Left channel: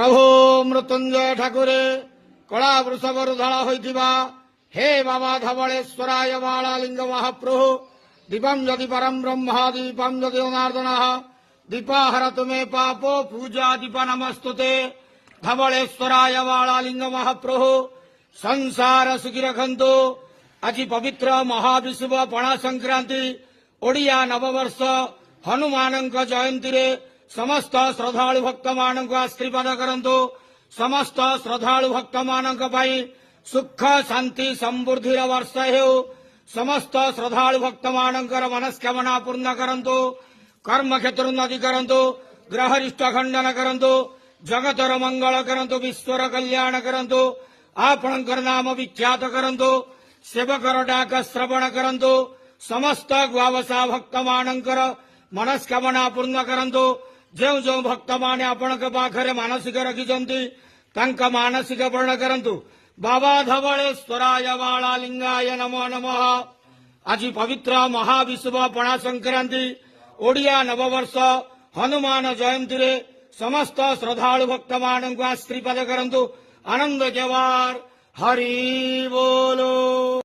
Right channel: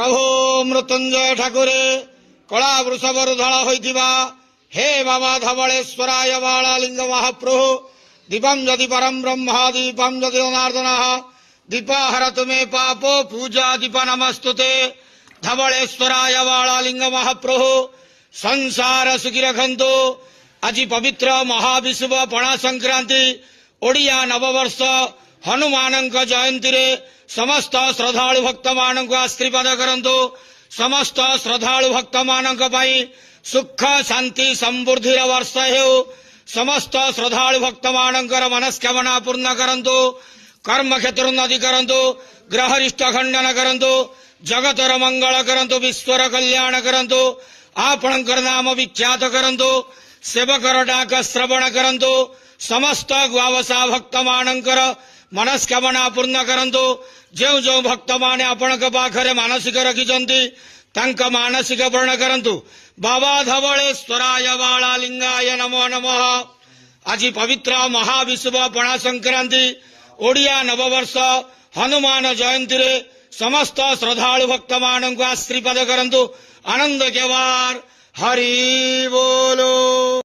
प्रभु मृत्युंजय ठाकुरे कला वृषभर धड़ा होइथिबा हे बाबा धवलेश्वराय बालालिंग महाप्रभु दीपम यदि परम ब्रह्म दीपम यदि जनार्दन दीपाहर तुमे पापो पूजा दीप नमस्तुते धवलेश्वराय बालालिंग महाप्रभु संसार सुखी रखंतु आज पवित्र महाविषुव पणा संक्रांति ओडिया नववर्ष हनुमान जयंती रे समस्त श्रद्धालु भक्त मान आशीर्वाद करंतु समस्त श्रद्धालु भक्त मान सुख शांति समृद्धि वर्ष हो समस्त श्रद्धालु भक्त मान मनस्कामना पूर्ण करंतु कर्म क्षेत्रोन्नति करंतु ग्रहरिष्ट खंडन करंतु जगतर मंगल करंतु विश्वर कल्याण करंतु आपणकर नाम विख्यात करंतु सेवकर डाक श्रवण करंतु समस्त ग्वावसा भक्त मानकर मनस्कामना पूर्ण करंतु जो जो भक्त माने आपणक पाखरे मानसिक रखिचंती तांका मानसिक पूर्ण करंतु बाबा धवलेश्वराय बालालिंगाय नमो नमः। आज पवित्र महाविषुव पणा संक्रांति ओडिया नववर्ष हनुमान जयंती रे समस्त श्रद्धालु भक्त मान आशीर्वाद करंतु आनंद केवार हरि बोलो।